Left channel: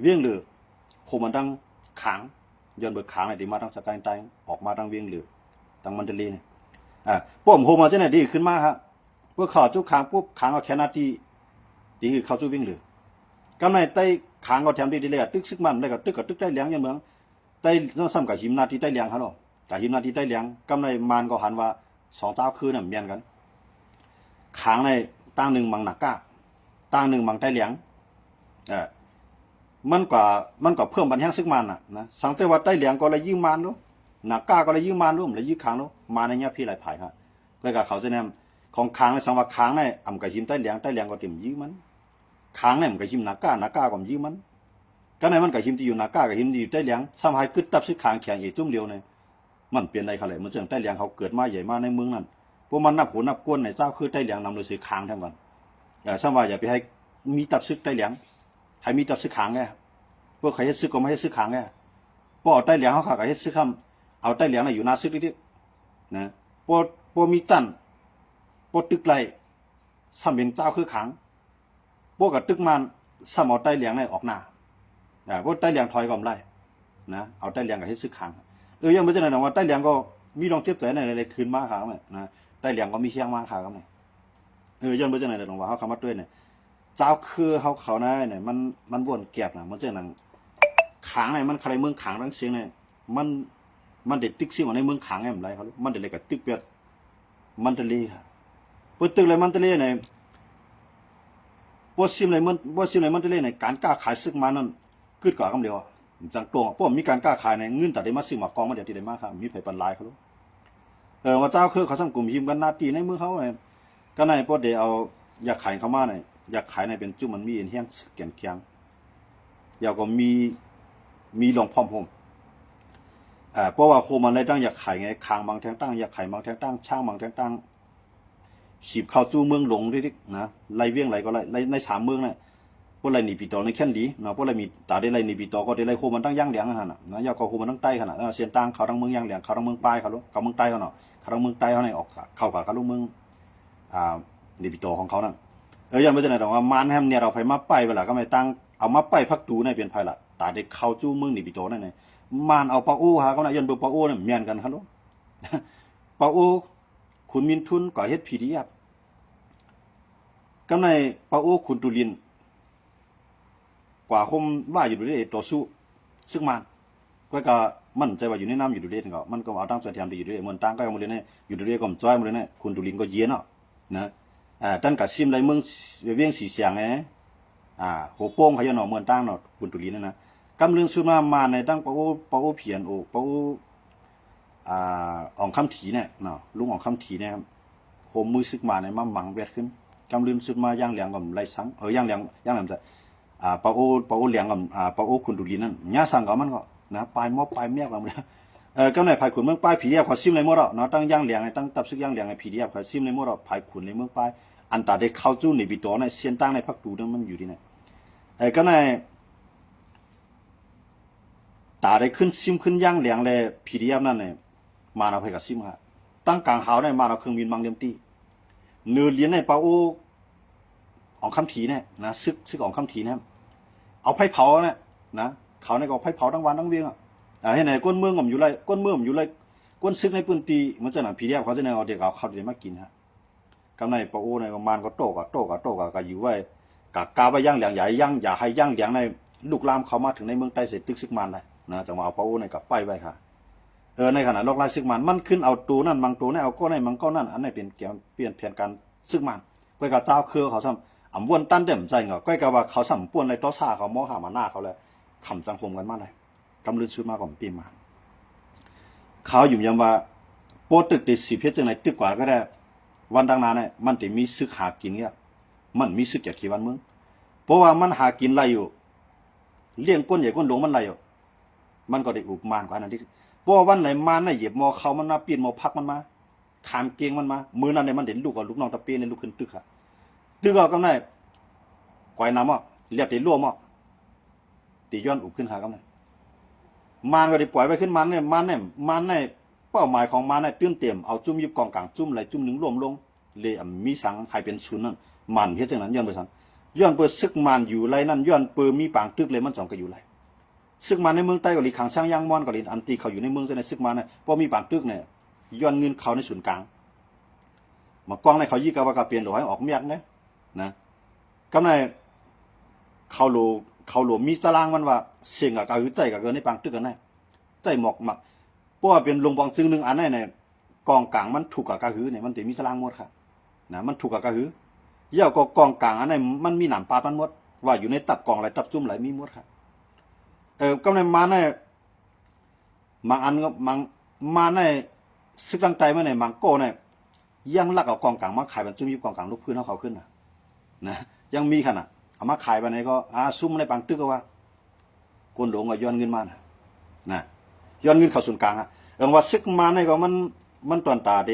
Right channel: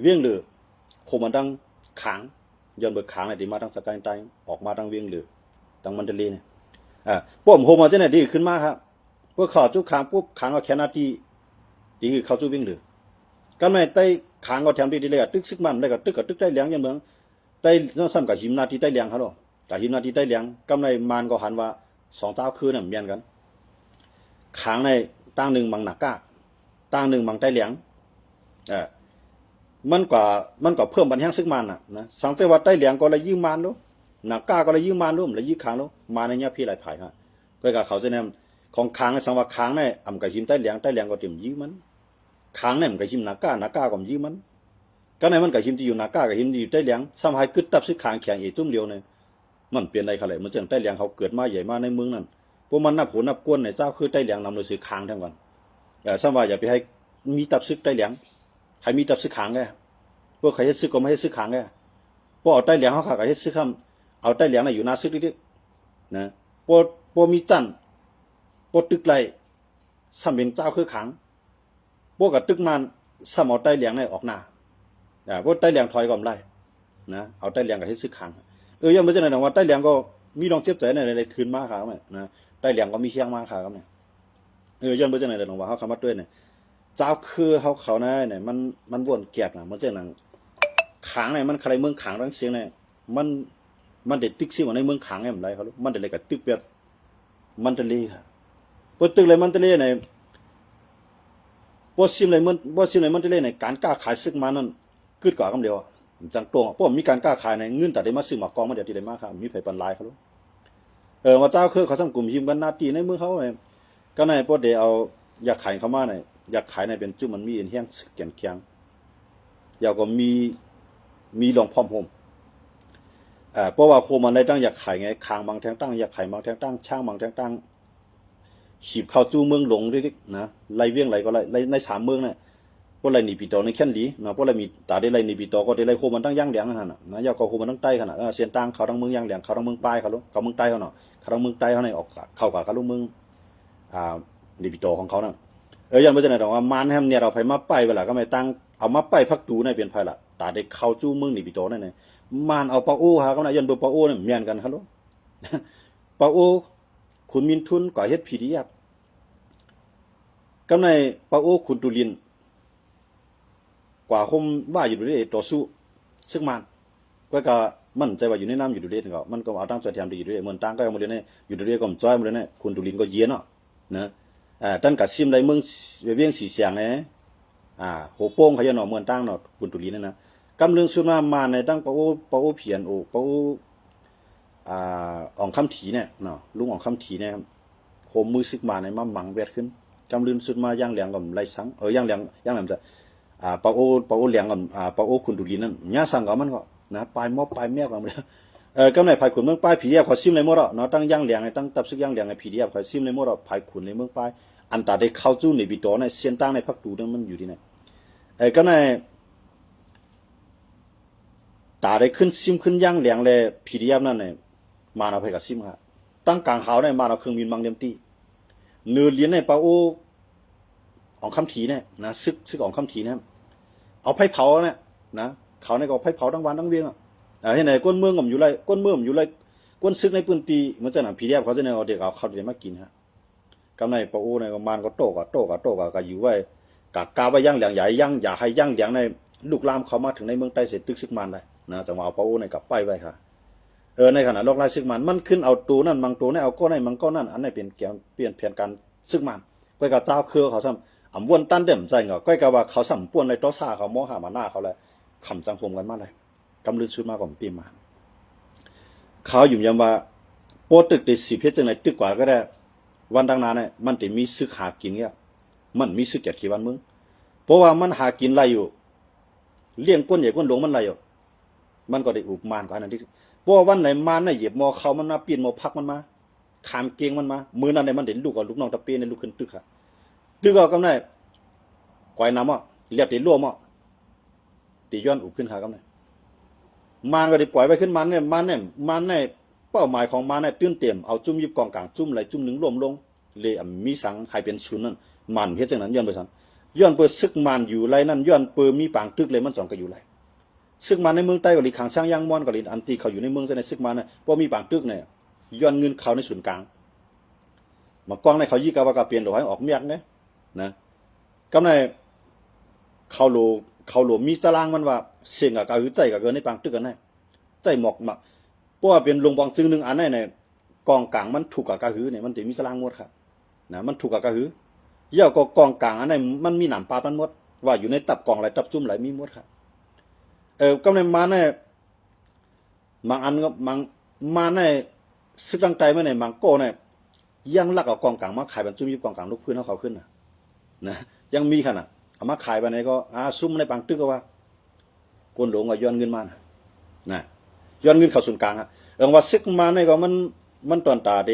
เวียงเหลือโคมันดังขางย้อนเบิกขางในที่มาดังสกายไตออกมาดังเวียงเหลือดังมันเดลีเนี่ยพวกผมโฮมาเจเนี่ยดีขึ้นมากครับพวกข่าวจุกขางปุ๊บขางเอาแค่นาทีดีคือเขาจุเวียงเหลือก็ไม่ไต้ขางก็แถมดีเลยตึกซึกมันได้ก็ตึกได้เลี้ยงอย่างเมืองไต้ต้องซ้ำกับหิมนาทีไต้เลี้ยงเขาหรอกกับหิมนาทีไต้เลี้ยงกำไรมันก็หันว่าสองเจ้าคืนน่ะเมียนกันขางในตั้งหนึ่งมังหนักก้าตั้งหนึ่งมังไต้เลี้ยงมันกว่าเพิ่มบันแห้งซึกมันนะสังเกตว่าไต้เลี้ยงก็เลยยืมมันดูหนักก้าก็เลยยืมมันดูเลยยืมขางดูมาในเนี้ยพี่หลายถ่ายฮะก็กับเขาจะเนี่ยของขางในสังว่าขางในอ่ำกับหิมไต้เลี้ยงก็เต็มยืมมันขางเนี่ยมันกับหิมหนักก้าก็ยืมมันก็ในมันกับหิมที่อยู่หนักก้ากับหิมที่อยู่ไต้เลี้ยงซ้ำให้กึศตับซึกขางแข็งอีกจุ่มเดียวเนี่ยมันเปลี่ยนอะไรเขาเลยมันเสื่อไต้เลี้ยงเขาเกิดมาใหญ่มาในเมืองนั้นพวกมันนับหัวนับก้นในเจ้าคือไต้เลี้ยงนำโดยสื่อขางทั้งวันซ้ำว่าอย่าไปให้มีตับซึกไต้เลี้ยงให้มีตับซึกขางแกพวกใครให้ซึกก็ไม่ให้ซึกขางแกพวกเอาไต้เลี้ยงเขาขาดให้ซึกคำเอาไต้เลี้ยงในอยู่นาซึกนิดๆนะพวกมีจันพวกตึกไรซ้ำเป็นเจ้าคือขางพวกกับตึกมันซ้ำเอาไต้เลี้ยงในออกหน้าพวกไต้เลี้ยงถอยก่อนไรนะเอาไต้เลี้ยงกับให้ซึกขางยังไม่ใช่นะว่าไต้เลี้ยงก็มีลองเจ็บใจในคืนมาขาไหมนะไต้เลี้ยงก็มีเชียงมาขาครับเนี่ยยังไม่ใช่นะว่าเขาคำว่าด้วยเนี่ยเจ้าคือเขาเนี่ยมันวนแก็บนะมันเจ้าหนังขางเนี่ยมันใครเมืองขางทั้งเสียงเนี่ยมันเด็ดตึกซิ่งในเมืองขางไงมันไรเขามันเด็ดอะไรกับตึกเปียดมันทะเลค่ะพอตึกอะไรมันทะเลเนี่ยพอซิมอะไรมันทะเลเนี่ยการกล้าขายซึกมานั่นกึดกว่าคำเดียวจังตรงเพราะมีการกล้าขายในเงินแต่ได้มาซื้อหมากกองมาเดี๋ยวที่ได้มาครับมีไผ่ปันลายเขาลูกว่าเจ้าคือเขาสั่งกลุ่มหิมกันหน้าตีในมือเขาเนี่ยก็ในพวกเดี๋ยวเอาอยากขายเขามาเนี่ยอยากขายในเป็นจุ่มมันมีเอ็นเฮียงเกี่ยงเคียงอยากก็มีหลวงพ่อผมเพราะว่าโคมันเลยตั้งอยากขายไงคางบางแทงตั้งอยากขายบางแทงตั้งช่างบางแทงตั้งขีบเข้าจู้เมืองหลงดินะไล่เวียงไล่ก็ไล่ในสามเมืองเนี่ยพวกไรหนีปีโตในแค่นดีนะพวกไรมีตาได้ไรหนีปีโตก็ได้ไรโคมันตั้งย่างเหลียงขนาดนะยาก็โคมันตั้งใต้ขนาดเสียนตั้งเขาทั้งเมืองย่างเหลียงเขาทั้งเมืองปลายเขาลูกเขาเมืองใต้เขาเนาะเขาทั้งเมืองใต้เขาในออกเข้ากับเขาลูกเมืองหนีปีโตของเขานั่นยังไม่ใช่ไหนหรอกว่ามันแฮมเนี่ยเราไปมาไปเวลาก็ไม่ตั้งเอามาไปพักตูในเปลี่ยนไฟละตาได้เข้าจู้เมืองหนีปีโตนั่นเลยมันเอาปาอู้ฮะก็นะยันเบอร์ปาอู้เนี่ยเมียนกันครับลูกปาอู้ขุนมินทุนก่อเฮ็ดผีดีครับก็ในปาอู้ขุนตุลินกว่าคมว่าอยู่ด้วยต่อสู้ซึ่งก็มั่นใจว่าอยู่ในน้ำอยู่ด้วยก็มันก็เอาตั้งใจทำดีอยู่ด้วยเหมือนตั้งก็เอามาเลยเนี่ยอยู่ด้วยก็จ้อยมาเลยเนี่ยขุนตุลินก็เย็นเนาะนะตั้งกับซิมไรเมืองเวียงสีเสียงไงหัวโป้งเขาจะหน่อเมืองตั้งเนาะขุนตุลินนะกำลังสุดมาในตั้งปาอู้เพียนปาอู้อ่องคำถีเนี่ยเนาะลุงอ่องคำถีเนี่ยโคมมือซึกมาในมาหมังเวทขึ้นกำลังสุดมาย่างเหลียงกับไรสังย่างเหลียงจะปาอู้เหลียงกับปาอู้ขุนตุลีนั่นย่าสั่งกับมันก็นะปลายมอบปลายเมียกับมันกำในภายขุนเมืองปลายผีเดียบเขาซิมในมรดเนาะตั้งย่างเหลียงตั้งตับซึกย่างเหลียงในผีเดียบเขาซิมในมรดภายขุนในเมืองปลายอันตาได้เข้าจู้ในบิโตในเซียนตั้งในพักตูนั่นมันอยู่ที่ไหนกำในตาได้ขึ้นซิมขึ้นย่างเหลียงเลยผีเดียบนั่นเนี่ยมาเอาไปกับซิมค่ะตั้งกลางหาวในมาเอาเครื่องบินบางเดียมตีเนื้อเลี้ยนในปาอู้ของคำถีเนี่ยนะซึกของคำถีเนี่ยเอาไผ่เผาเนี่ยนะเขาในก็ไผ่เผาทั้งวันทั้งเวียงให้ไหนก้นเมืองผมอยู่ไรก้นเมืองผมอยู่ไรก้นซึกในปืนตีมันจะหนังผีเดียบเขาจะเนี่ยเอาเด็กเขาเดี๋ยวมากินฮะกำในปาอู้ในประมาณก็โตก็อยู่ไว้กาไปย่างเหลียงอย่าให้ย่างเหลียงในลูกลามเขามาถึงในเมืองใต้เสร็จตึกซึกมันเลยนะจะมาเอาปาอู้ในกับไปไว้ค่ะในขณะโลกไร้ซึกมันขึ้นเอาตูนั่นบางตูนี่เอาก้นในมังก้นนั่นอันนี้เปลี่ยนแผนการซึกมันไปกับเจ้าเครือเขาซ้ำอ่ำวนตั้นเด่มใจเงาก็กับว่าเขาสัมป่วนในโต๊ะซาเขาโมหามาหน้าเขาเลยขำจังคมกันมากเลยกำลือชุดมากกว่าปีมาเขาอยู่ยังว่าโปตึกติดสีเพชรจังไหนตึกกว่าก็ได้วันดังนั้นเนี่ยมันจะมีซึกหากินเนี่ยมันมีซึกเกียรติวันมึงเพราะว่ามันหากินไรอยู่เลี้ยงก้นใหญ่ก้นหลงมันไรอยู่มันก็ได้อุปมานกว่านั้นที่เพราะวันไหนมันน่ะเหยียบมอเขามันมาปีนมอพักมันมาขามเกียงมันมามือนั้นในมันเด่นลูกกับลูกน้องตะเปียในลูกขึ้นตึกค่ะตึกก็กำไนก่อยน้ำอ่ะเรียบตีร่วมอ่ะตีย้อนอุบขึ้นค่ะกำไนมันก็ได้ปล่อยไปขึ้นมันเป้าหมายของมันตื้นเต็มเอาจุ่มยิบกองกลางจุ่มอะไรจุ่มหนึ่งรวมลงเลยมีสังใครเป็นชุนนั่นมันเพี้ยจังนั้นย้อนไปสัง ย้อนเปิดซึกมันอยู่ไรนั่นย้อนเปิดมีปางตึกเลยมันสองก็อยู่ไรซึกมันในเมืองใต้ก็หลีขังช่างย่างมอนก็หลีอันตีเขาอยู่ในเมืองในซึกมันนะเพราะมีปางตึกเนี่ยย้อนเงินเขาในศูนย์กลางมากองในเขายี่กะว่ากะเปลี่ยนโดยให้ออกเมียกนะกำในเขาโหลมีตารางมันว่าเสียงกับกะหือใจกับเกินในปางตึกกันได้ใจหมอกมักเพราะว่าเป็นลงบองซึ่งหนึ่งอันในกองกลางมันถูกกับกะหือเนี่ยมันจะมีตารางหมดค่ะนะมันถูกกับกะหือเยี่ยวก็กองกลางอันนั้นมันมีหนามปาดมันหมดว่าอยู่ในตับกองไหลตับจุ่มไหลมีหมดครับก็ในมาในบางอันก็มาในซึกตั้งใจมาในบางโก้เนี่ยยังลักเอากองกลางมาขายบรรจุมีกองกลางลูกพื้นเขาขึ้นนะยังมีขนาดเอามาขายไปไหนก็ซุ่มในบางตึกก็ว่าคนหลงก็ย้อนเงินมานะย้อนเงินเข้าศูนย์กลางว่าซึกมาในก็มันตอนตาเด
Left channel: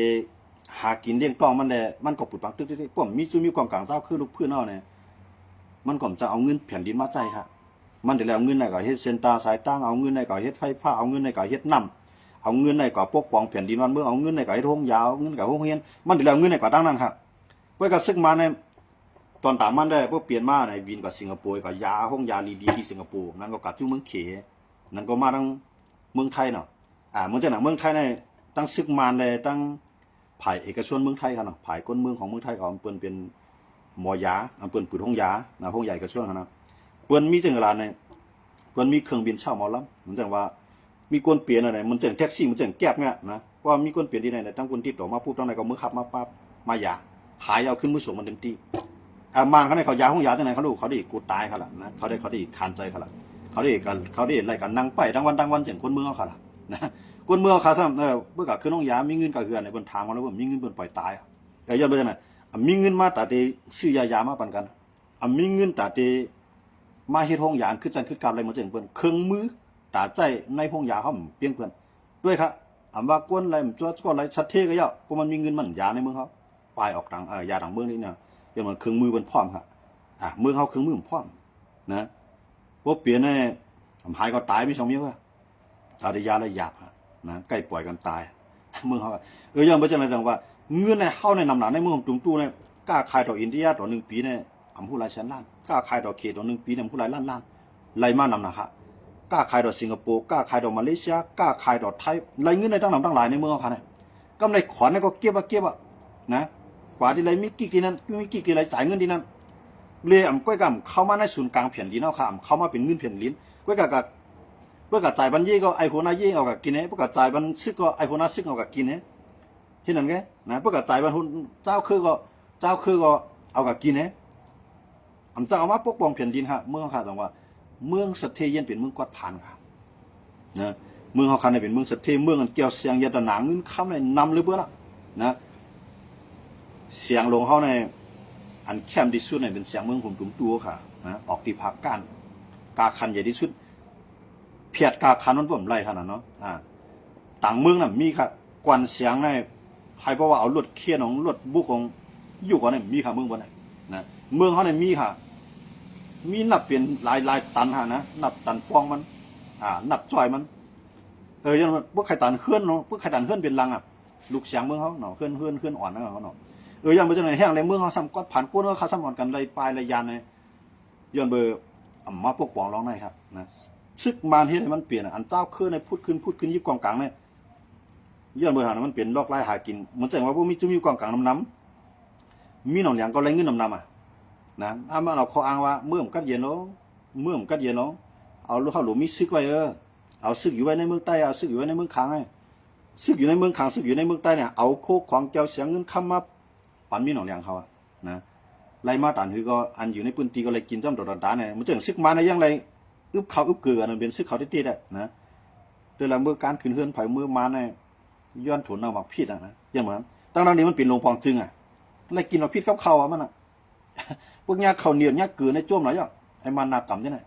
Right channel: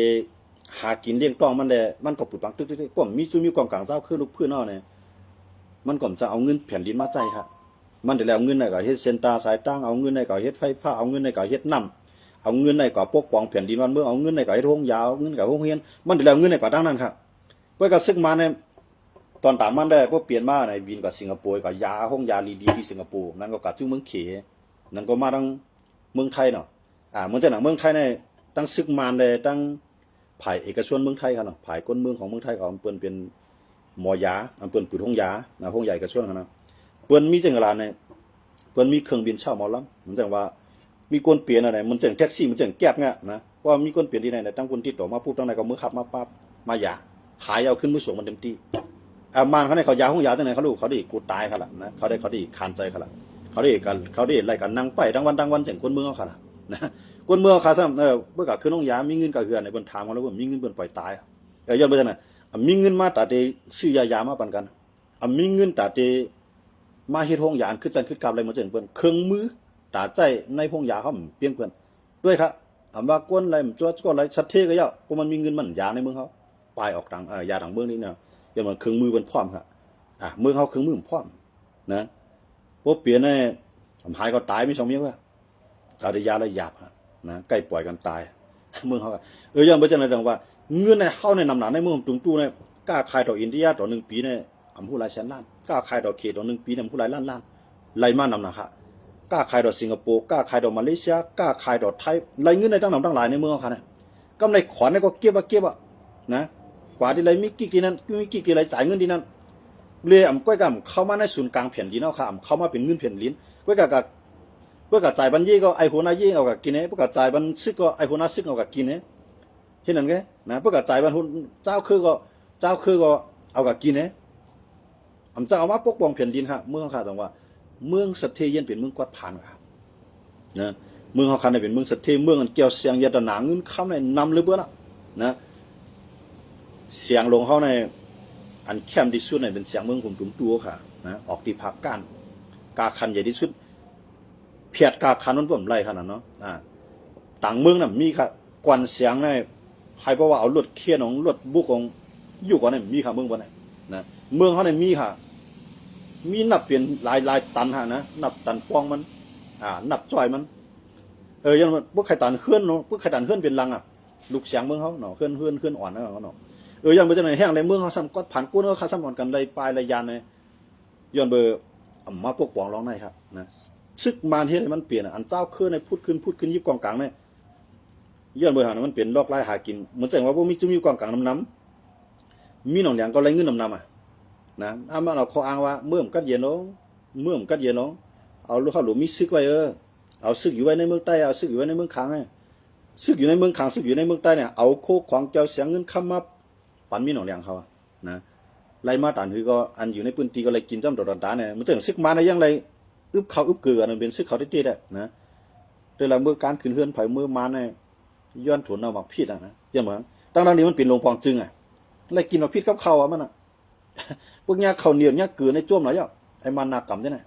หากินเลี้ยงต้องมันเลยมันก็ปุดบางตึกที่ผมมีจุมีกองกลางเจ้าคือลูกพื้นเอาเนี่ยมันก็จะเอาเงินแผ่นดินมาใจครับมันเดี๋ยวเอาเงินในก็เฮ็ดเซนตาสายตั้งเอาเงินในก็เฮ็ดไฟฟ้าเอาเงินในก็เฮ็ดน้ำเอาเงินในก็ปกป้องแผ่นดินวันเมืองเอาเงินในก็เฮ็ดโรงยาวเงินกับโรงเรียนมันเดี๋ยวเอาเงินในก็ดังนั้นครับเพื่อก็ซึกมาในตอนตามมันได้พวกเปลี่ยนมาในบินกับสิงคโปร์กับยาห้องยาลีดีที่สิงคโปร์นั่นก็กับจู่เมืองเขนั่นก็มาทั้งเมืองไทยเนาะเมืองจากไหนเมืองไทยในตั้งซึกมาเลยตั้งผ่ายเอกชนเมืองไทยครับเนาะผ่ายก้นเมืองของเมืองไทยของเปิ้นเป็นหมอยาเปิ้นปืนห้องยานะห้องใหญ่เอกชนครับเนาะเปิ้นมีจังหวะในเปิ้นมีเครื่องบินเช่าหมอลำเหมือนจังว่ามีคนเปลี่ยนอะไรมันจังแท็กซี่มันจังแก๊บเนี่ยนะว่ามีคนเปลี่ยนที่ไหนตั้งคนติดต่อมาพูดตั้งไหนก็มือขับมาปั๊บมายาหายเอาขึ้นมือส่งมันเต็มที่มานเขาในเขายาห้องยาจังไหนเขาดูเขาได้กูตายเขาละนะเขาได้คานใจเขาละเขาได้ไล่กันนั่งไปทั้งวันจังคนเมืองเขาละนะคนเมืองเขาซ้ำเมื่อกับขึ้นห้องยามีเงินกับเฮือนในบนทางเขาแล้วว่ามีเงินบนปล่อยตายย้อนไปจังไหนมีเงินมาแต่เดซื้อยามาปันกันมีเงินแต่เดมาเฮ็ดห้องยาคือจังคือกลับอะไรมาจังเปิ้นเครื่องมือตาใจในห้องยาเขาเปลี่ยนเปิ้นด้วยครับว่าก้นอะไรมันจ้วอะไรชัดเทก็เยอะเพราะมันมีเงินมันยาในเมืองเขาปลายออกต่างยาต่างเมืองนี่เนี่ยอย่างมันเครื่องมือมันพร้อมครับเมืองเขาเครื่องมือมันพร้อมนะพวกเปลี่ยนเนี่ยหายก็ตายไม่สองเมียก็เอาได้ยาแล้วหยาบนะใกล้ปล่อยกันตายเมืองเขายังไม่จังไรดังว่าเงินในเข้าในนำหนาในเมืองตุงตู้เนี่ยกล้าขายต่ออินเดียต่อ1 ปีเนี่ยผู้หลายแสนล้านกล้าขายต่อเขตต่อ1 ปีเนี่ยผู้หลายล้านไล่มานำหนาค่ะกล้าขายต่อสิงคโปร์กล้าขายต่อมาเลเซียกล้าขายต่อไทยไล่เงินในตั้งนำตั้งหลายในเมืองเขาเนี่ยกำไรขวัญเนี่ยก็เก็บนะกว่าที่ไรมีกิ๊กที่นั่นมีกิ๊กที่ไรจ่ายเงินที่นั่นเลยก้อยกำเข้ามาในศูนย์กลางแผ่นดินเอาค่ะเข้ามาเป็นเงินแผ่นดินก้อยกับเพื่อกับจ่ายบัญชีก็ไอโคนาเย่เอากับกินเพื่อกับจ่ายบัญชีก็ไอโคนาซึกเอากับกินเช่นนั้นไงนะเพื่อกับจ่ายบัญชีเจ้าคือก็เอากับกินจะเอามาปกป้องแผ่นดินค่ะเมืองค่ะตรงว่าเมืองสัตเทเย็นเป็นเมืองกวาดผ่านค่ะนะเมืองเขาคันเป็นเมืองสัตเทเมืองเกี่ยวเสียงยาตนาเงินข้ามในนำเลยเบื้อละนะเสียงลงเขาในอันเข้มที่สุดเป็นเสียงเมืองผมตุ้มตัวค่ะนะออกที่ภาคกาคันใหญ่ที่สุดเพียดกาคันนั้นผมไล่ขนาดเนาะต่างเมืองน่ะมีค่ะกวนเสียงในให้เพราะว่าเอารถเคียนของรถบุกของอยู่ก่อนเนี่ยมีค่ะเมืองบนเนี่ยนะเมืองเขาเนี่ยมีค่ะมีนับเป็นหลายตันฮะนะนับตันป้องมันนับจ่อยมันยังพวกไข่ตันเคลื่อนเนาะพวกไข่ตันเคลื่อนเป็นลังลูกเสียงเมืองเขาเนาะเคลื่อนอ่อนนะเขาเนาะยังไปจะไหนแห้งในเมืองเขาซ้ำก็ผ่านกู้เนาะเขาซ้ำอ่อนกันเลยปลายเลยยานเลยย้อนเบอร์มาพวกปองร้องในครับนะซึกมาที่ไหนมันเปลี่ยนอันเจ้าเคลื่อนในพูดขึ้นยิบกองกลางเนี่ยย้อนเบอร์หามันเปลี่ยนลอกไล่หากินเหมือนแสดงว่าพวกมีจุ่มยิบกองกลางน้ำมีหนองเหลียงก็ไล่เงินน้ำนะมาเราเขาอ้างว่าเมื่อมกัดเย็นเนาะเอาลูกเขาหลวมีซึกไว้เอาซึกอยู่ไว้ในเมืองใต้เอาซึกอยู่ไว้ในเมืองขังซึกอยู่ในเมืองขังซึกอยู่ในเมืองใต้เนี่ยเอาโคกของเจ้าเสียงเงินค้ำมาปั่นมีหนองเหลียงเขานะไล่มาตานคือก็อันอยู่ในพื้นที่ก็เลยกินจ้ำดอดเนี่ยมันจะซึกมาในยังไรอึบเขาอึบเกลือนั่นเป็นซึกเขาได้ตีได้นะโดยหลังเมื่อการขึ้นเฮือนไผ่เมื่อมาเนี่ยย้อนถุนเอาหมักพิษนะยังเหมือนตั้งแต่นี้มันเป็นโรงปองจึงไล่กินหมักพิษกับเขามันพวกยาเขาเหนียวยาเกลือในจ้วมหลายอย่างไอ้มันนากรรมเนี่ย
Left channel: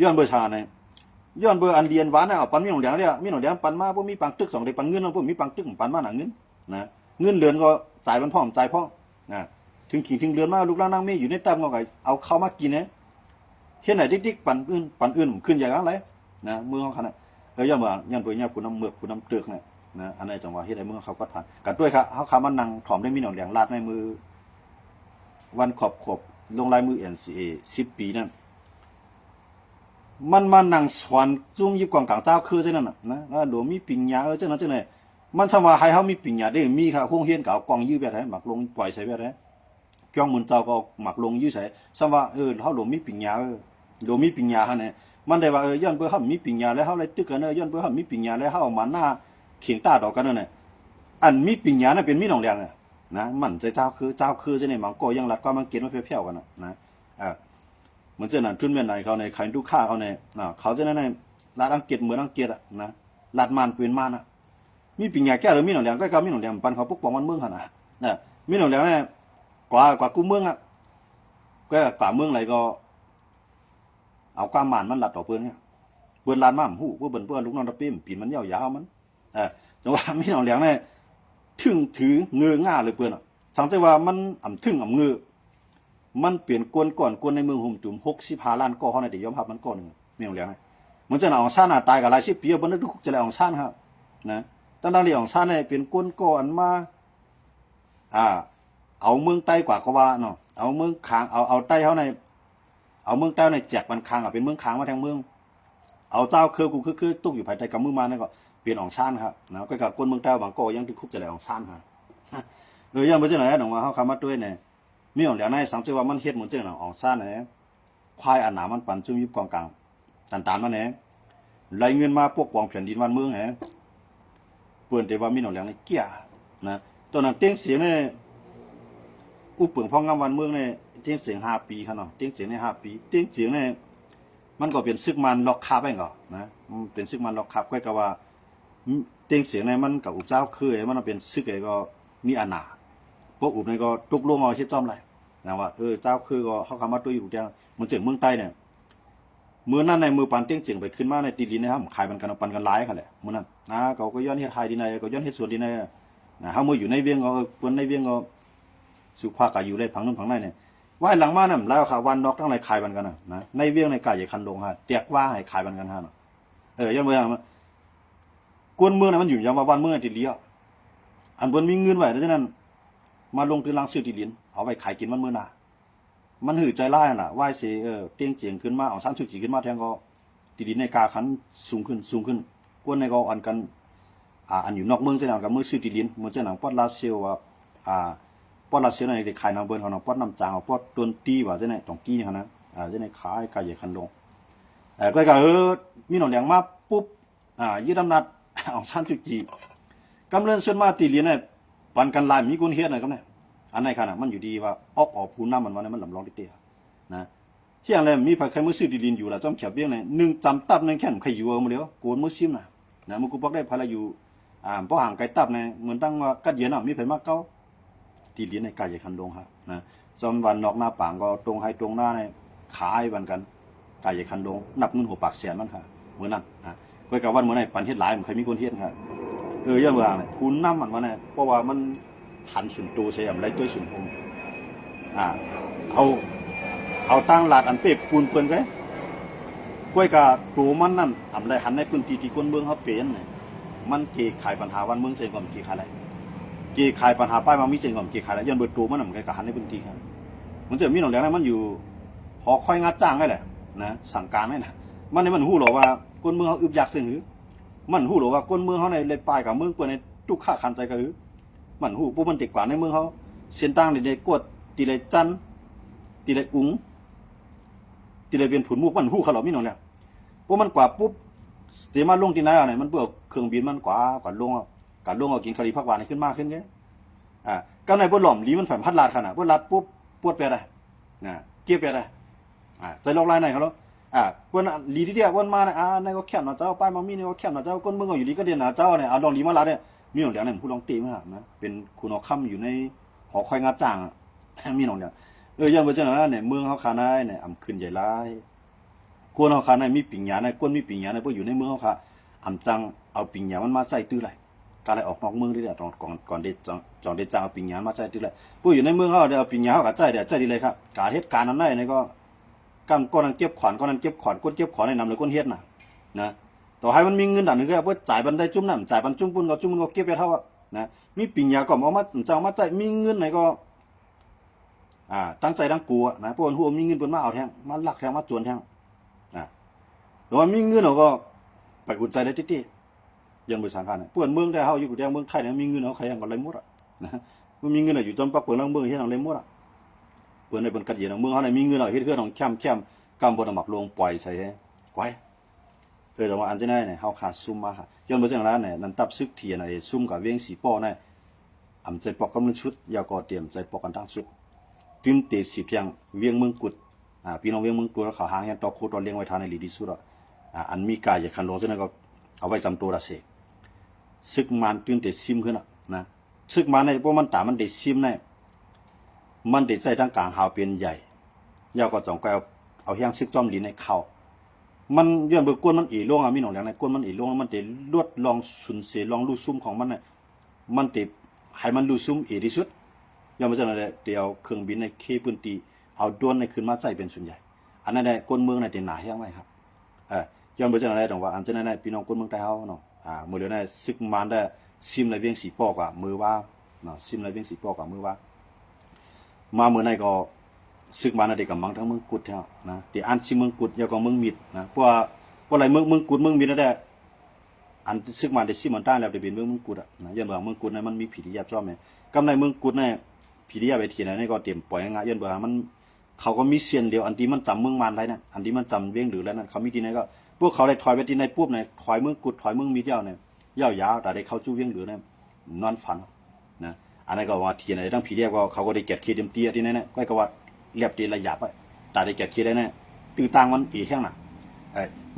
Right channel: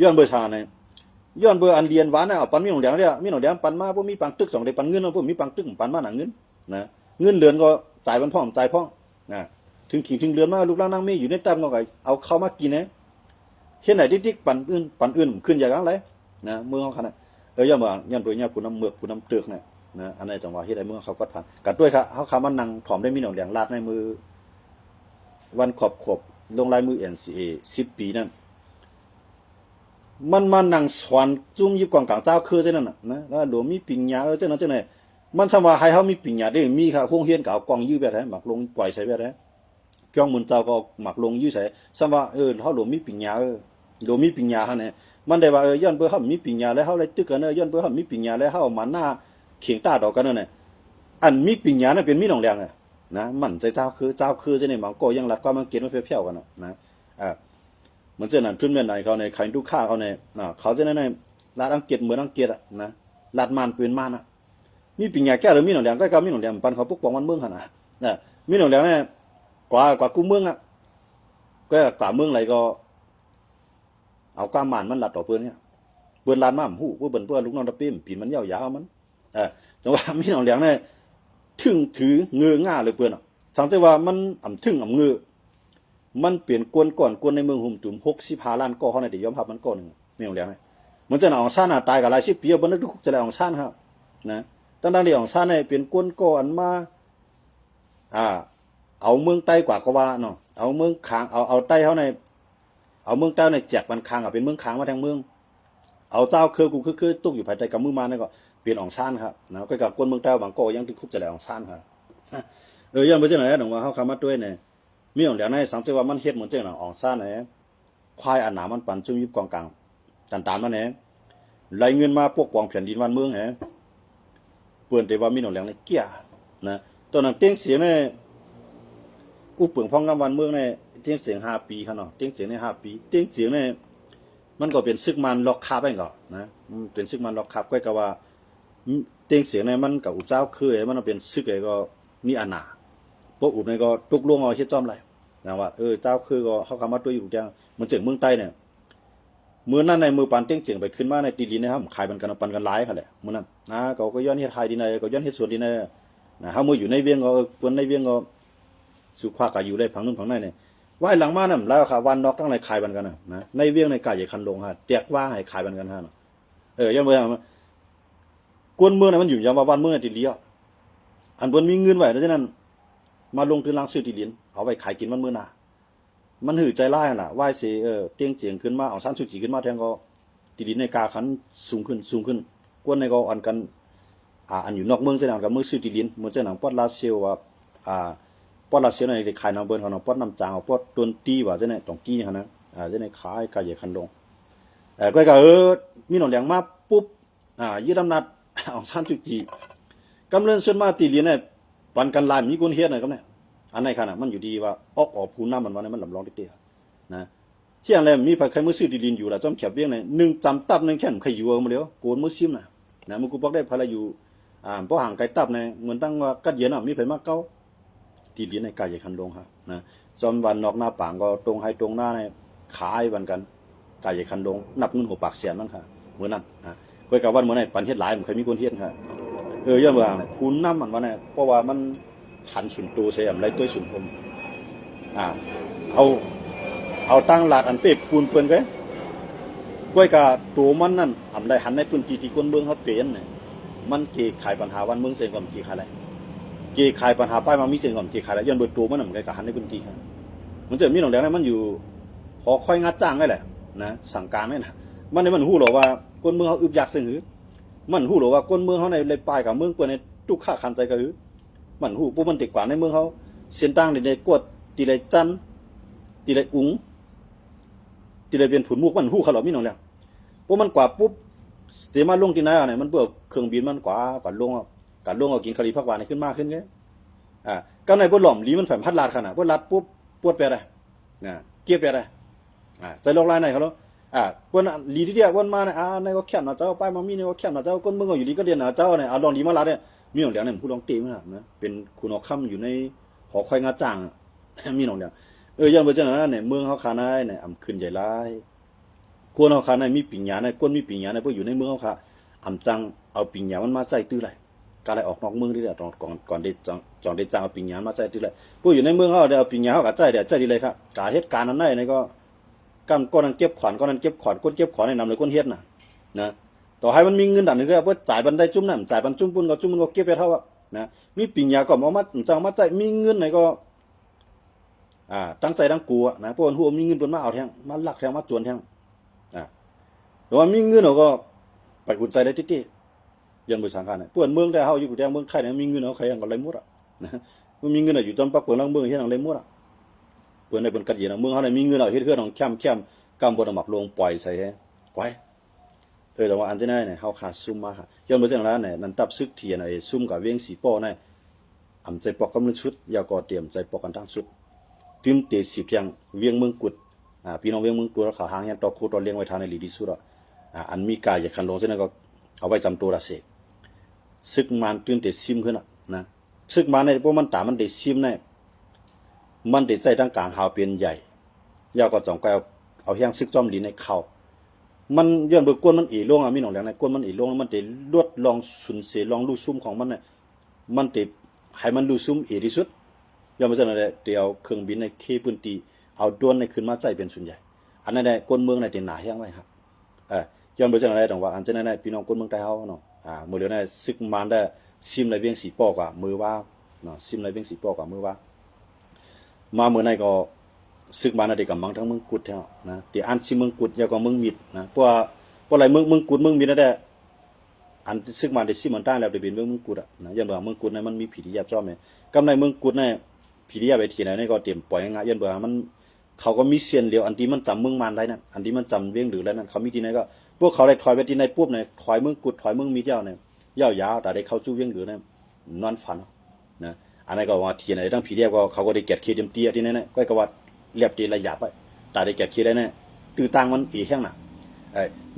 ย้อนเบอร์ชาเนี่ยย้อนเบอร์อันเดียนหวานเนี่ยเอาปันมีหนองแดงเนี่ยมีหนองแดงปันมาพวกมีปังตึก2 ได้ปันเงินพวกมีปังตึกปันมาหนังเงินนะเงินเดือนก็จ่ายมันพ่อมจ่ายพ่อนะถึงขิงถึงเดือนมาลูกล่างนั่งมีอยู่ในตั้มก็เอาเข้ามากินเห็นไหนดิ๊กปันอื่นขึ้นอย่างไรนะเมืองเขาขนาดย้อนเบอร์ย้อนเบอร์ย้อนผู้นำเมือกผู้นำเตือกเนี่ยนะอันนี้จังหวะที่ไอ้เมืองเขาก็ผ่านกันด้วยครับเขาขามันนั่งถอมได้มีหนองแดงลาดในมือวันขบ ลงลายมือ NCA 10 ปีนั่นมันมานั่งสอนจุ่มยิบกองกลางเจ้าคือจังนั้นน่ะนะแล้วหลวงมีปิญญาจังนั้นจังได๋มันสว่าให้เฮามีปิญญาได้มีค่ะโรงเรียนก็เอากองยื้อแบบไหนหมักลงปล่อยใส่แบบไหนจ้องมุนเจ้าก็หมักลงยื้อใส่สว่าเฮาหลวงมีปิญญาหลวงมีปิญญาหั่นน่ะมันได้ว่าย้อนเบิ่เฮามีปิญญาแล้วเฮาเลยตึกกันย้อนเบิ่เฮามีปิญญาแล้วเฮามาหน้าเถียงตาดอกกันนั่นน่ะอันมีปิญญาน่ะเป็นมีหนองแรงน่ะนะมันใจเจ้าคือจังได๋มันก็ยังรัดก็มันเกณฑ์มาเพี้ยวๆกันนะเหมือนเจ้านั่นทุนแม่นไหนเขาในใครดูค่าเขาในเขาจะนั่นในรัฐอังกฤษเหมือนอังกฤษอ่ะนะรัฐมันปืนมันอ่ะมีปิญญาแก้หรือมีหนองแดงก็มีหนองแดงปันเขาปกป้องมันเมืองหั่นน่ะมีหนองแดงเนี่ยกว่ากูเมืองอ่ะก็กว่าเมืองอะไรก็เอาความหมานมันลัดต่อเปิ้นเนี่ยเปิ้นลานมาหูเปิ้นลูกน้องตะเป้มปีนมันยาวๆมันจังว่ามีหนองแดงเนี่ยถึงถือเงือง่าเลยเปิ้นอ่ะสังเกตว่ามันถึงเงือมันเปลี่ยนกวนก่อนกวนในเมืองหุ่มตุ่ม65 ล้านก่อเฮาได้ยอมรับมันก่อนนึงมีหนองแดงนะเหมือนจะเอาซ่านตายกับหลาย10 ปีบ่นึกทุกจะได้เอาซ่านครับนะตั้งๆที่เอาซ่านเนี่ยเป็นกวนก่อนมาเอาเมืองใต้กว่าก็ว่าเนาะเอาเมืองค้างเอาใต้เฮาในเอาเมืองใต้ในแจกมันค้างเป็นเมืองค้างมาทั้งเมืองเอาเจ้าคือกูคือตุกอยู่ภายใต้กับมือมานี่ก็เปลี่ยนอองซ่านครับนะก็กับกวนเมืองใต้บางก็ยังทุกจะได้อองซ่านครับยังบ่จังได๋น้องว่าเฮาคำมาด้วยเนี่ยมีของเหลียงในสังเกตว่ามันเฮ็ดเหมือนจังน่ะอองซ่านเนี่ยควายอันหนามันปันจุ่มยิบกองกลางตันๆมันเนี่ยไหลเงินมาปกป้องแผ่นดินบ้านเมืองแฮเปิ้นแต่ว่ามีของเหลียงในเกี้ยนะตอนนั้นเตียงเสียงเนี่ยอุปึงพองงามวันเมืองเนี่ยเตียงเสียง5 ปีคั่นเนาะเตียงเสียงใน5 ปีเตียงเสียงเนี่ยมันก็เป็นซึกมันล็อกคาบไปก่อนนะเป็นซึกมันล็อกคาบก็ว่าเตียงเสียงเนี่ยมันกับอุปเจ้าคือมันเป็นซึกก็มีอาณาพวกอุบในก็ตุกลวงเอาเฮ็ดจ้อมไรนะว่าเจ้าคือก็เขาคำมาตัวอยู่จังมันจึงเมืองใต้เนี่ยมื้อนั้นในมือปานเตี้ยงเจียงไปขึ้นมาในตีลินนะครับขายปันกันหลายคั่นแหละมื้อนั้นก็ย้อนเฮ็ดไทยดีในก็ย้อนเฮ็ดสวนดีในนะเฮามื้ออยู่ในเวียงก็เปิ้นในเวียงก็สุขภาพก็อยู่ได้ผังนู้นผังในเนี่ยว่าหลังมานั่นแล้วค่ะวันนอกทั้งหลายขายปันกันนะในเวียงในกายใหญ่คันลงฮะแตกว่าให้ขายปันกันฮะเนาะย้อนบ่อย่างกวนเมืองน่ะมันอยู่อย่างว่าวันเมืองติเลียอันเปิ้นมีเงินไว้ดังนั้นมาลงทุนลังซื้อที่ดินเอาไว้ขายกินมันมื้อหน้ามันหือใจร้ายน่ะว่าสิเตียงเจียงขึ้นมาเอาซ่านสุจิขึ้นมาแทงก็ที่ดินในกาขันสูงขึ้นกวนในก็อ่อนกันอันอยู่นอกเมืองจังนั้นก็มือซื้อที่ดินเหมือนจังนั้นปอดลาเซลว่าปอดลาเซลในได้ขายนางเบิ่นของปอดน้ำจางปอดตวนตีว่าจังได๋ต้องกี้หั่นนะจังได๋ขายกายใหญ่คันลงก็มีหนองแหลงมาปุ๊บยึดอำนาจเอาซ่านสุจิกำเนิดส่วนมาตีเลียนเนี่ยปันกันลายมีคนเฮ็ดน่ะครับเนี่ยอันไหนคั่นน่ะมันอยู่ดีว่าออกผู้นำมันว่ามันลำลองเตี้ยๆนะเที่ยงแล้วมีไผใครมื้อซื้อดินอยู่ล่ะจ้อมแขบเวียงเนี่ย1จำตับ1แค่นใครอยู่เอามาแล้วโกนมื้อซิมน่ะนะมึงกูบอกได้พลาอยู่บ่ห่างไกลตับเนี่ยเหมือนตั้งว่ากัดเย็นน่ะมีไผมาเก่าตีเลียนในกายใหญ่คันลงครับนะจอมวันนอกหน้าปางก็ตรงให้ตรงหน้าเนี่ยขายบันกันกายใหญ่คันลงนับเงินหัวปากแสนมันค่ะมื้อนั้นก็กับวันมื้อนั้นปันเฮ็ดหลายมันเคยมีคนเฮ็ดค่ะย้อนว่าผู้นำมันว่าเนี่ยเพราะว่ามันหันสุนตูใส่อำไรตัวสุนผมเอาตั้งหลาดอันเป๊ะปูนเปิ้นก้อยกะตัวมันนั่นอำไรหันในพื้นที่ที่คนเมืองเขาเป็นเนี่ยมันเกขายปัญหาวันเมืองเสียก่อนเกขายอะไรเกขายปัญหาป้ายมามีเสียก่อนเกขายอะไรย้อนเบิดตัวมันมันก็หันในพื้นที่ครับมันจะมีหนองแดงนั้นมันอยู่หอค่อยงัดจ้างได้แหละนะสั่งการได้นะมันฮู้หรอว่าคนเมืองเขาอึบอยากซื่อหือมันฮู้หรอว่าคนเมืองเขาในเลยป้ายกับเมืองเปิ้นในทุกค่าคันใจก็หือมันฮู้ปุ๊บมันติดกว่าในเมืองเขาเส้นต่างในกวดตีไรจันตีไรอุ๋งตีไรเป็นผุนมุกมันฮู้เขาหรอมีหนองแหละปุ๊บมันกว่าปุ๊บเดี๋ยวมาลงที่ไหนอ่ะเนี่ยมันเบื่อเครื่องบินมันกว่าลงเอากินคารีพักหวานขึ้นมากขึ้นเงี้ยก็ในพวกหล่อมลีมันแฝงพัดลาดขนาดพวกลาดปุ๊บปวดไปได้เกี่ยวไปได้ใจลงลายไหนเขาแล้วพวกลีที่เดียวพวกมาเนี่ยในก็แค่หน้าเจ้าป้ายมามีเนี่ยก็แค่หน้าเจ้าก้นเมืองก็อยู่ดีก็เดียนหน้าเจ้าเนี่ยลองลีมาลาดเนี่ยมีหนองเหลียงเนี่ยผู้ลองตีมั้ยครับนะเป็นคุณเอาค่ำอยู่ในหอคอยงาจ้างมีหนองเหลียงย้อนไปจังนั้นเนี่ยเมืองเขาคานาเนี่ยอำขึ้นใหญ่ร้ายกวนเขาคานามีปิญญาเนี่ยกวนมีปิญญาเนี่ยพวกอยู่ในเมืองเขาค่ะอำจังเอาปิญญามันมาใส่ตื้อไรการเลยออกนอกเมืองได้ก่อนเด็ดจองเด็ดจังเอาปิญญามาใส่ตื้อไรพวกอยู่ในเมืองเขาเดี๋ยวเอาปิญญาเขาก็ใจดีเลยครับการเหตุการณ์นั้นได้เนี่ยก็ก้อนนั้นเก็บขวานก้อนนั้นเก็บขวานก้นเก็บขวานในนำเลยก้นเฮ็ดนะต่อให้มันมีเงินดันนึงก็ว่าจ่ายบันไดจุ่มน้ำจ่ายบันจุ่มปุ่นก็จุ่มมันก็เก็บไปเท่านะมีปิญญาก็มาจังมาใจมีเงินไหนก็ ตั้งใจตั้งกลัวนะเพราะว่าหัวมีเงินเปิ้นมาเอาแทงมาลักแทงมาจวนแทงแต่ว่ามีเงินเราก็ไปอุ่นใจได้ติๆยันบ่สังขารเปิ้นเมืองแต่เฮาอยู่แต่เมืองไทยเนี่ยมีเงินเขาใครก็เลยหมดนะมันมีเงินอยู่จอมปักเปิ้นลังเมืองเฮ็ดเอาเลยหมดเปิ้นได้เปิ้นกัดเย็นเมืองเฮาเนี่ยมีเงินเอาเฮ็ดเฮือนของแคมกำบ่ได้หมักลงปล่อยใส่ไว้แต่ว่าอันจะได้เนี่ยเฮาขาดซุ่มมาย้อนบ่จังแล้วเนี่ยนั้นตับซึกเทียนไอ้ซุ่มกับเวียงสีป้อเนี่ยอำใจปอกกำลังชุดยาก็เตรียมใจปอกกันทั้งชุดตึมเต10เที่ยงเวียงเมืองกุดพี่น้องเวียงเมืองกุดเขาหางยันตอโคตอเลี้ยงไว้ทานในลีดีสุดอันมีกายอย่าคันลงซะนั่นก็เอาไว้จำตัวละเสกซึกมันตึมเตซิมขึ้นนะซึกมันในพวกมันตามันได้ซิมในมันได้ใจตั้งกลางหาวเป็นใหญ่ยาก็จ่องก็เอาเฮียงซึกจอมลีในเข้ามันย้อนเบิกก้นมันอีลงมีหนองแหลงในก้นมันอีลงแล้วมันได้ลวดลองสุนเสลองลู่ซุ่มของมันน่ะมันได้ให้มันลู่ซุ่มอีที่สุดย้อนมาจากนั้นเดี๋ยวเครื่องบินในเคปืนตีเอาดวนในขึ้นมาใจเป็นส่วนใหญ่อันนั้นได้ก้นเมืองในเต็นหนาเฮียงไว้ครับย้อนมาจากนั้นต้องว่าอันนั้นได้พี่น้องก้นเมืองใต้เฮาเนาะเมื่อเดี๋ยวนั้นซึกมันได้ซิมไรเวียงสีปอกว่ามือว่าเนาะซิมไรเวียงสีปอกว่ามือว่ามาเมื่อไหร่ก็ซึกมาในเด็กกับมังทั้งเมืองกุดแท้นะที่อันซิเมืองกุดยาวกว่าเมืองมิดนะเพราะอะไรเมืองกุดเมืองมิดนั่นแหละอันซึกมาได้ซิมันต้านแล้วได้เป็นเมืองกุดนะยันบ่าเมืองกุดเนี่ยมันมีผีที่ยับจ้อมเนี่ยกำในเมืองกุดเนี่ยผีที่ยับไปที่ไหนนี่ก็เตรียมปล่อยง่ายยันบ่ามันเขาก็มีเสียนเดียวอันที่มันจำเมืองมันได้นั่นอันที่มันจำเวียงหรือแล้วนั่นเขามีที่ไหนก็พวกเขาได้ถอยไปที่ไหนปุ๊บเนี่ยถอยเมืองกุดถอยเมืองมิดยาวเนี่ยยาวแต่ได้เข้าจู้เวียงหรือเนี่ยนอนฝันนะอันนั้นก็ว่าที่ไหนตั้งผีเดียก็เขาก็ได้เก็บเคเต็มเตี้ยที่นั่นเนี่ยก็ว่าเรียบตีระยับไว้ตาได้แก่คิดได้แน่ตื้อตังมันอีแห้งน่ะ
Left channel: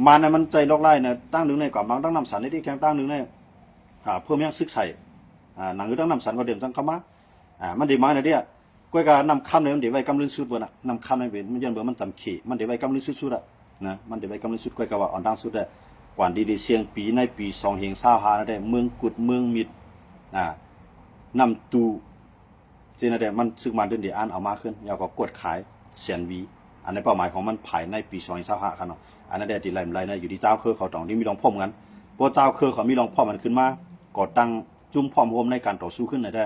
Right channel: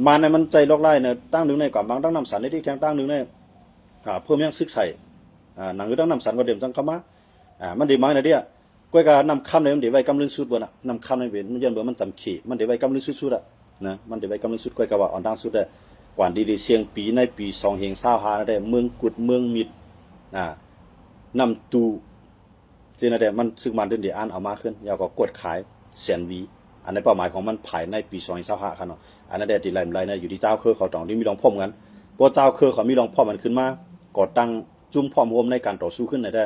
มันเนี่ยมันใจลอกไล่เนี่ยตั้งหนึ่งในก่อนบางตั้งนำสันได้ที่แข้งตั้งหนึ่งในเพิ่มยังซึกใส่หนังคือตั้งนำสันก็เดิมจังเข้ามามันดีไหมนะเดียก้อยการนำคำในมันเดี๋ยวไว้กำลังสุดบนน่ะนำคำในเวนมันยันเบอร์มันจำขี่มันเดี๋ยวไว้กำลังสุดๆอ่ะนะมันเดี๋ยวไว้กำลังสุดก้อยกว่าอ่อนดังสุดเลยกว่าดีเสียงปีในปี2 เฮง25ได้เมืองกุดเมืองมิดนำตูเจนได้มันซึกมันเดินเดี๋ยวอ่านเอามาขึ้นยาวก็กดขายแสนวีอันในเป้าหมายของมันภายในปี2025ครับเนาะอันนั้นได้ที่ไล่ๆนะอยู่ที่เจ้าเครือเขาต้องที่มีรองพ่อมกันพอเจ้าเครือเขามีรองพ่อมันขึ้นมาก่อตั้งจุ่มพร้อมรวมในการต่อสู้ขึ้นได้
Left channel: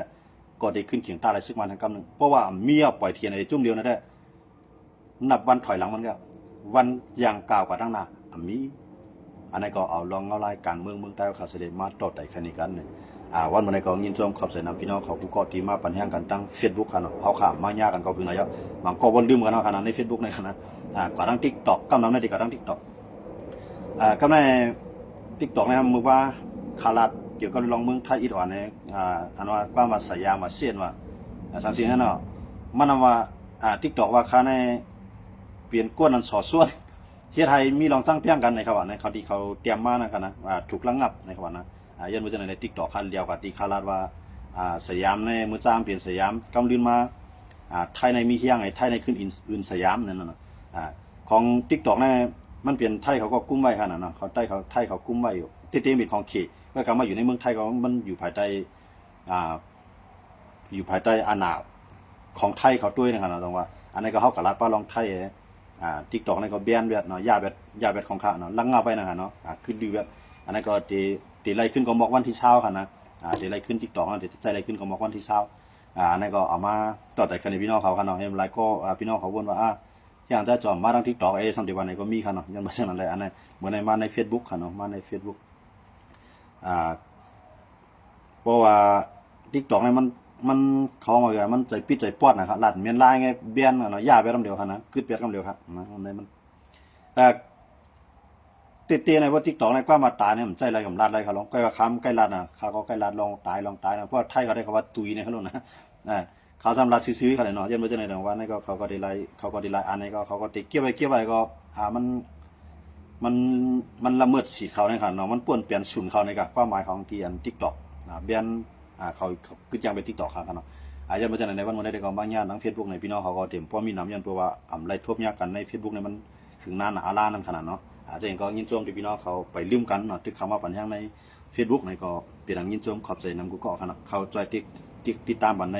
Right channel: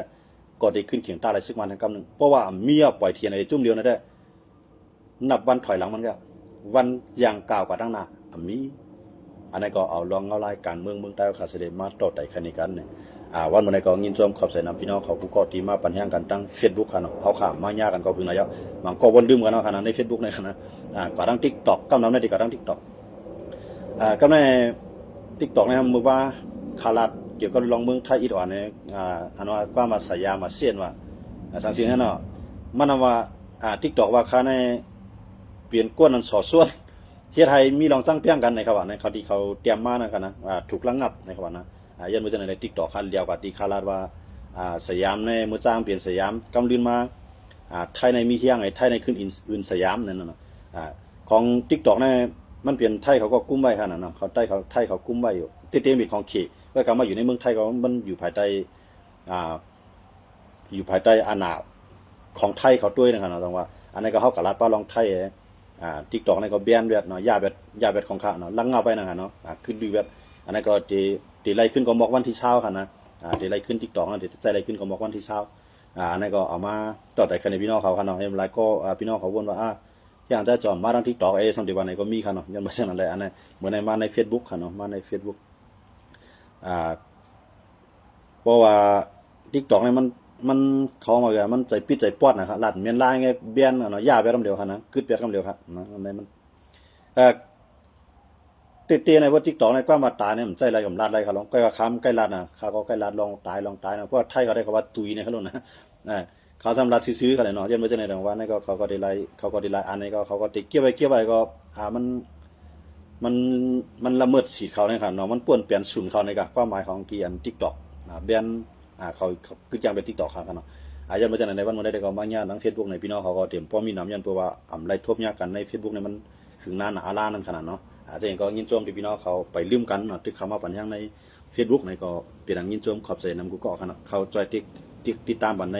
ก็ได้ขึ้นเขียงตาอะไรซึกมันทั้งกำนึงเพราะว่ามีปล่อยเทียนในจุ่มเดียวนั่นได้นับวันถอยหลังมันก็วันอย่างกล่าวกว่าตั้งหน้ามีอันนั้นก็เอาลองเอารายการเมืองใต้เขาเสด็จมาต่อไต่คันนี้กันเนี่ยวันมื้อนี้ก็ยินชมขอบใจนำพี่น้องเขาผู้ก่อตีมาปัญหากันตั้ง Facebook คั่นเนาะเฮาข้ามมายากันก็พึ่งแล้วมันก็บ่ลืมกันเนาะคั่นใน Facebook ในคั่นนะก็ทั้ง TikTok กำนำในที่ก็ทั้ง TikTok กำใน TikTok เนี่ยมึงว่าคาลัดเกี่ยวกับลองเมืองไทยอีดอ่อนเนี่ยอันว่าความว่าสยามว่าเสียนว่าสังสิงนั่นเนาะมันว่าTikTok ว่าค่าในเปลี่ยนก้นนั้นสอส่วนเฮ็ดให้มีลองสร้างเพียงกันนะครับว่าในเขาที่เขาเตรียมมานั่นคั่นนะถูกระงับนะครับว่านะยันว่าจะใน TikTok คันเดียวกับที่คาลาดว่าสยามในมื้อจ้างเปลี่ยนสยามกำลืนมาไทยในมีเฮียงไอ้ไทยในขึ้นอื่นสยามนั่นน่ะของ TikTok นั่นมันเปลี่ยนไทยเขาก็กุ้มไว้คั่นน่ะเขาไทยเขากุ้มไว้อยู่เต็มๆของเขก็กลับมาอยู่ในเมืองไทยก็มันอยู่ภายใต้อาณาของไทยเขาด้วยนะครับต้องว่าอันนี้ก็เฮากับรัฐป้าลองไทยTikTok นี่ก็แบนแบบเนาะยาแบบของข้าเนาะลังเงาไปนะครับเนาะคือดูแบบอันนั้นก็ตีไล่ขึ้นก็บอกวันที่20ค่ะนะตีไล่ขึ้น TikTok นะตีใจไล่ขึ้นก็บอกวันที่20อันนั้นก็เอามาต่อแต่คันพี่น้องเขาค่ะเนาะเฮ็ดหลายก็พี่น้องเขาวนว่าอย่างจะจอมมาทาง TikTok สัมติวันไหนก็มีค่ะเนาะยันบ่เช่นนั้นเลยอันนั้นเหมือนในมาใน Facebook ค่ะเนาะมาใน Facebook เพราะว่า TikTok เนี่ยมันเขาว่าอย่างมันใจปิดใจปอดนะครับลัดเมียนลายไงเบียนเนาะยาแบบคำเดียวค่ะนะกึดแบบคำเดียวครับนะอันนั้นมันเตะในว่า TikTok ในความมาตายเนี่ยมันใจอะไรกับลาดอะไรเขาลองใกล้กับคำใกล้ลาดนะเขาก็ใกล้ลาดลองตายนะเพราะไทยเขาได้คำว่าตุยในเขาลงนะเขาสำหรับซื้อเขาเลยเนาะยันไม่ใช่ในเรื่องว่านี่ก็เขาก็ได้ไล่อันนี้ก็เขาก็ติเกี่ยวไปก็มันละเมิดสิทธิ์เขาเนี่ยค่ะเนาะมันป่วนเปลี่ยนศูนย์เขาในกับความหมายของที่อัน TikTok แบนเขาคือจังเป็น TikTok ครับเนาะยันไม่ใช่ในวันได้ก็บางอย่างทาง Facebook ในพี่น้องเขาก็เตรียมพอมีน้ำยันเพราะว่าไล่ทบยากกันใน Facebook เนี่ยมันถึงนานอาลานั่นขนาดเนาะอาจจะเห็นก็ยินชมที่พี่น้องเขาไปลืมกันเนาะที่คำว่าปัญหาใน Facebook ในก็เป็นอย่างยินชมขอบใจนำกูก็ขนาดเขาจอยติดตามบันใน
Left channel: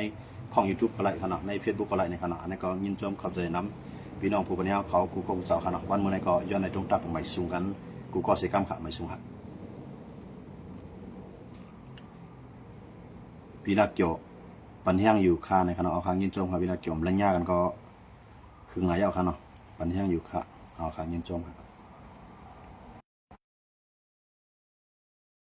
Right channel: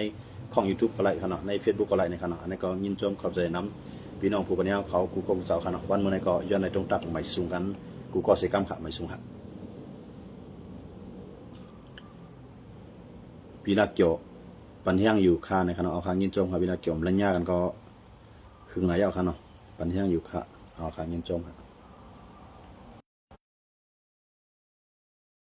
ของ YouTube ก็ไล่ขนาดใน Facebook ก็ไล่ในขนาดอันนี้ก็ยินชมขอบใจนำพี่น้องผู้ปัญญาเขากูก็กูสาวขนาดวันเมื่อในก็ย้อนในตรงตักไม่สูงกันกูก็เสียกรรมขะไม่สูงครับพี่นักเกี่ยวป ปันเฮียงอยู่ค่าในคณะเอาค้างยินจมครับเวลาเกี่ยวกับระยะกันก็คือไงเอาค่ะเนาะปันเฮียงอยู่ค่ะเอาค้างยินจมครับ